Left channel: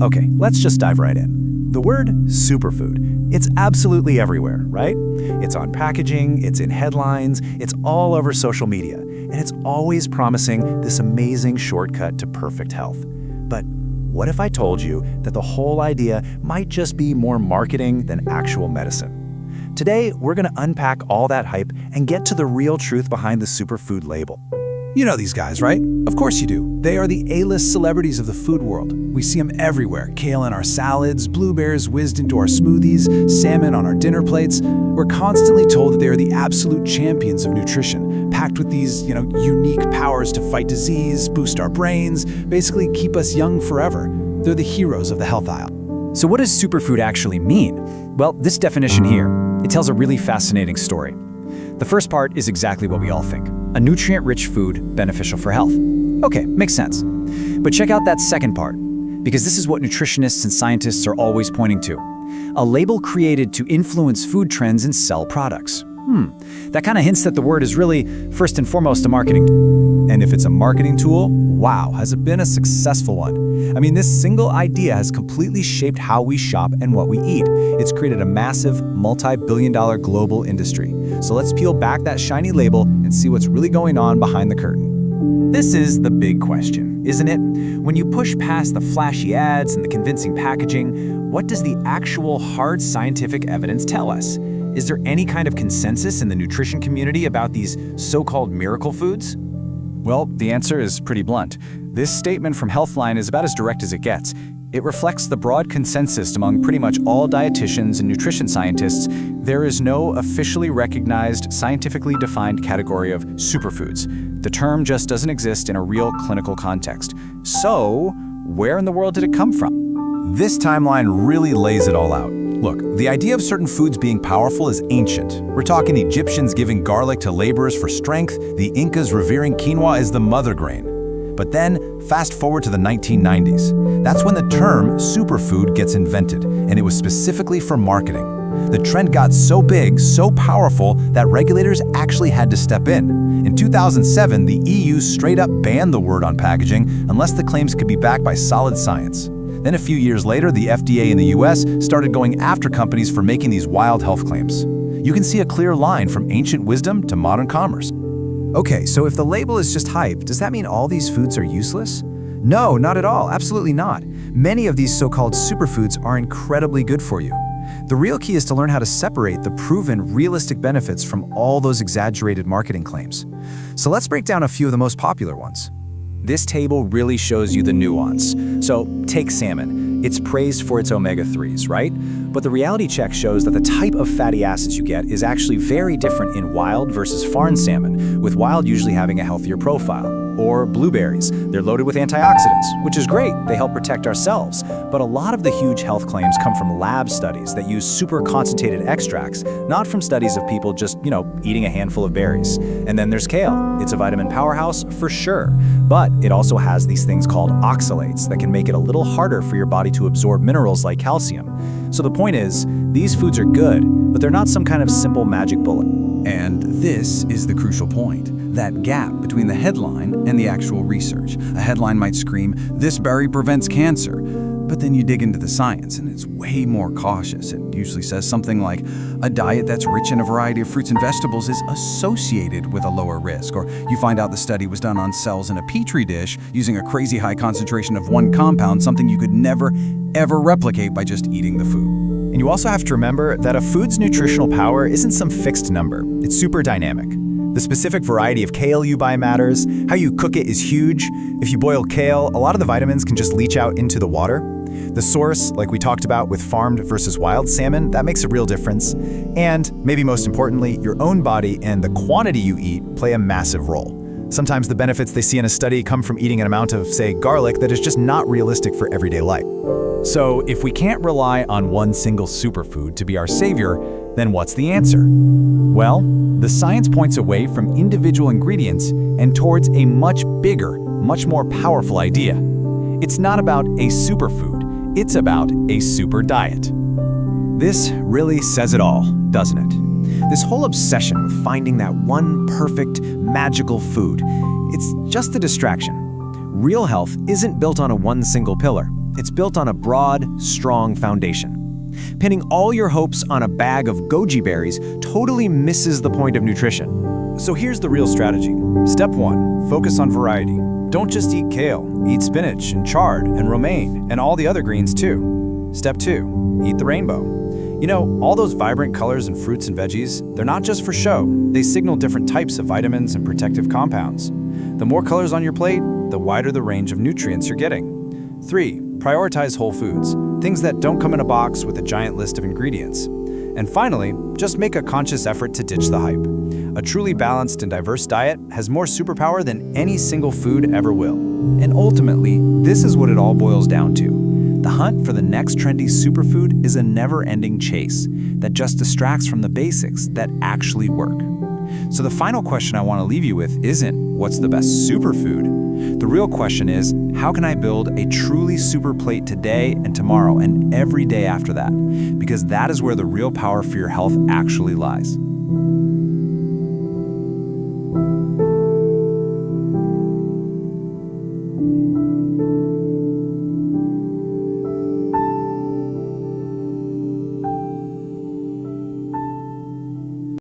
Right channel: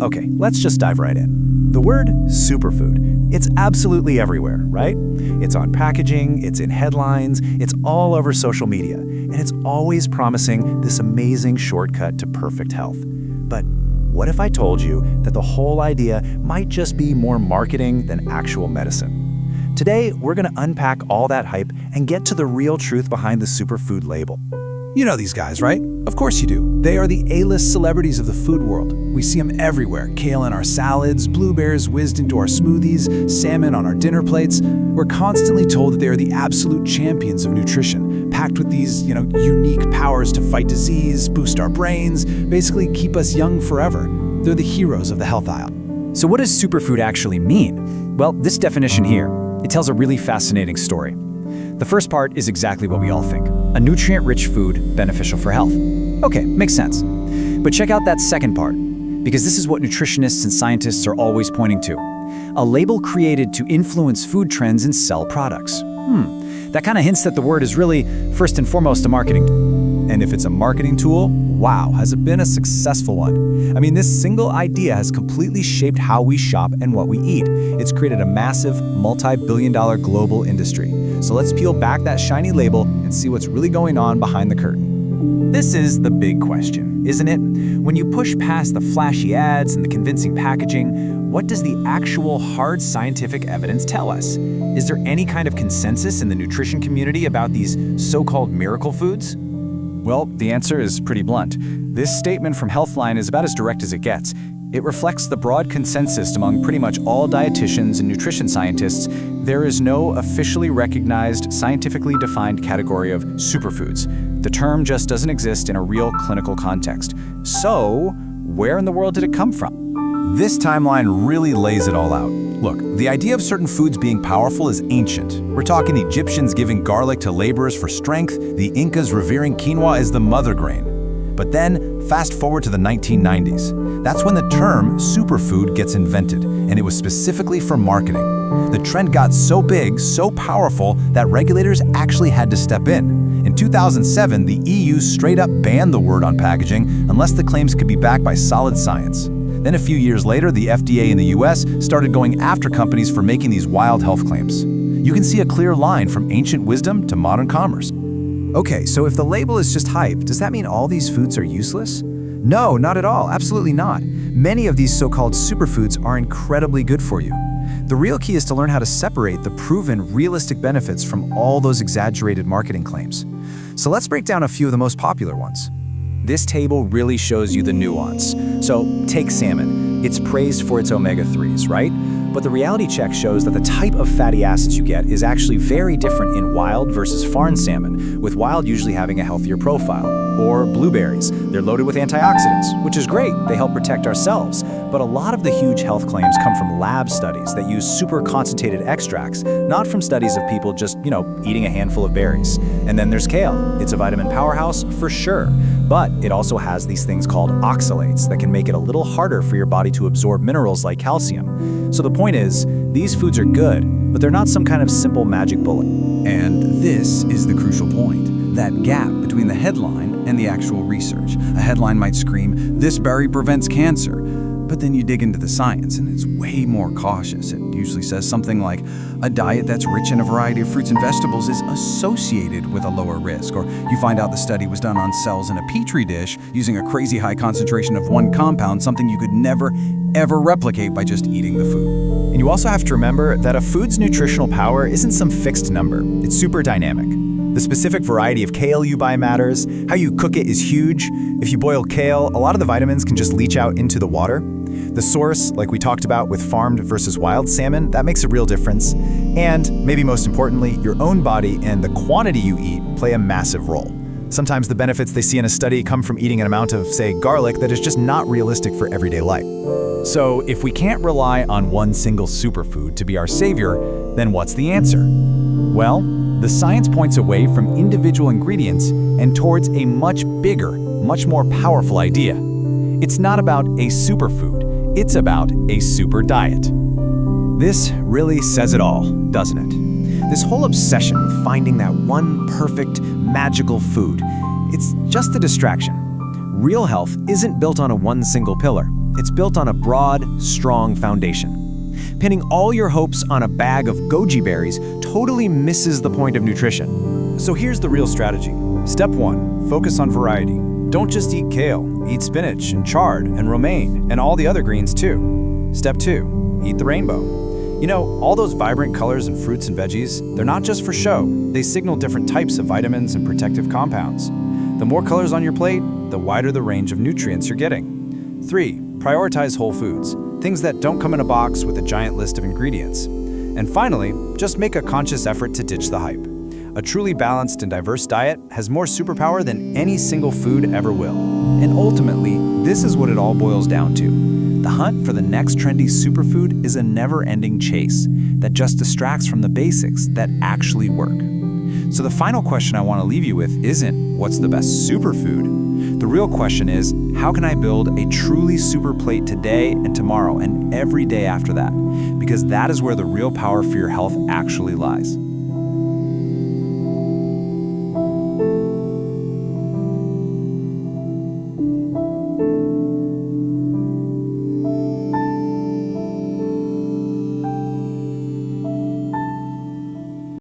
Okay, let's just dive right in. The word superfood, it's absolutely everywhere, right? It's on packaging, it's in headlines, it's all over social media, and it's always promising this amazing shortcut to perfect health. But what if I told you that the whole idea might just be more marketing than actual medicine? Today, we're going to unpack all that hype and get to the real truth behind the superfood label. You know these guys, right? Of course you do. They are the A-list celebrities of the food world. We see them everywhere. Kale in our salads, blueberries whizzed into our smoothies, salmon on our dinner plates. We're constantly told that they are the absolute champions of nutrition, packed with these, unique powers to fight disease, boost our brains, basically keep us young forever. They're the heroes of the health aisle. So what does superfood actually mean? Well, this definition here, it tells a really fascinating story. The first part is exactly what we all think. A nutrient-rich food beneficial for health. Okay, makes sense. But check out that second part, because this is what nutritionists and scientists are always pointing to. A label created to influence food trends and sell products. That kind of hints that the word is really, first and foremost, a marketing. And if it's a marketing tool, wow, has it been a successful one? I mean, this single idea has completely shaped how we shop and what we eat. It's created a massive, multi-billion-dollar global industry. So let's peel back that shiny label and see what's really going on behind the curtain. This is the big question, isn't it? When you push past the flashy ads and the convincing packaging, what does the actual hard scientific evidence tell us? Is there any kind of consensus in the nutrition community about these so-called miracle foods? Well, the answer is pretty blunt. This statement from Healthline is about as direct as it gets. It reflects the broad consensus among pretty much all dietitians and nutrition scientists. There is no officially recognized, scientifically defined category of superfoods. The term just doesn't exist in a real clinical context. So, where in the world did it come from? This timeline really lays it all out. Look, the idea of certain foods being powerful is ancient. We're talking Egyptians giving garlic to laborers for strength, the Incas revering quinoa as the mother grain. But then, fast forward to the 1990s. That's when the term superfood gets invented, and it was specifically for marketing. The trend got so big, so powerful, that regulators actually had to step in. In 2007, the EU straight up banned the word on packaging unless the claims could be backed by solid science. Then a few years later, the FDA in the US started going after companies for making these wild health claims. You can see a clear line from ancient wisdom to modern commerce. Okay, so if the label is just hype, does that mean all these foods are useless? No, not at all, absolutely not. Many of these so-called superfoods are incredibly good for you. The real key is to learn how to separate the proven, realistic benefits from all those exaggerated marketing claims. So let's break down a few of the most popular ones. This table really shows you the nuance. So take salmon. It's praised for its omega-3s, right? But the reality check shows that the type of fatty acids you get is actually very different in wild versus farmed salmon, with wild usually having a healthier profile. Or blueberries. They're loaded with antioxidants, which is great. They help protect ourselves. But a lot of the huge health claims come from lab studies that use super concentrated extracts, not from studies of people just, eating a handful of berries. And then there's kale. It's a vitamin powerhouse for sure. But it also has these things called oxalates that can make it a little harder for your body to absorb minerals like calcium. So the point is, these foods are good, but they're not some kind of simple magic bullet. And this is the crucial point. That gap between the headline and the actual research. A headline might scream, "This berry prevents cancer." But then you dig into the science and it's way more cautious. It usually says something like, a diet that's rich in a variety of fruits and vegetables is associated with a lower risk. Or you find out the study was done on cells in a petri dish using a crazy high concentration of one compound, something you could never, ever replicate by just eating the food. And you also have to remember that a food's nutritional power isn't some fixed number. It's super dynamic. The specific variety of kale you buy matters. How you cook it is huge. If you boil kale, a lot of the vitamins can just leach out into the water. The source, like we talked about with farmed versus wild salmon, that makes a real difference. And, maybe most importantly, your own body and the quantity you eat play a massive role. Sometimes the benefits they see in a study come from eating an amount of, say, garlic that is just not realistic for everyday life. So, if we can't rely on one single superfood to be our savior, then what's the answer? Well, the science points away from individual ingredients and towards a much bigger, much more powerful idea. It's not about a superfood, it's about a super diet. This really says it all, doesn't it? This whole obsession with finding that one perfect, magical food, it's just a distraction. Real health isn't built on a one single pillar. It's built on a broad, strong foundation. Pinning all your hopes on a bag of goji berries totally misses the point of nutrition. So here's the real strategy. Step 1, focus on variety. Don't just eat kale, eat spinach and chard and romaine and all the other greens too. Step 2, eat the rainbow. You know, all those vibrant colors in fruits and veggies, they're not just for show. They signal different types of vitamins and protective compounds. The more colors on your plate, the wider the range of nutrients you're getting. 3, prioritize whole foods, things that don't come in a box with a giant list of ingredients. And finally, just make a conscious effort to ditch the hype. A truly balanced and diverse diet has more superpower than any single food ever will. And ultimately, this is what it all boils down to. The hunt for the next trendy superfood is a never-ending chase that just distracts from the basics that actually work. So the final question I want to leave you with isn't, what's the best superfood? The real question is, how can I build a truly super plate today and tomorrow and every day after that? Because that is where the real power for your health actually lies.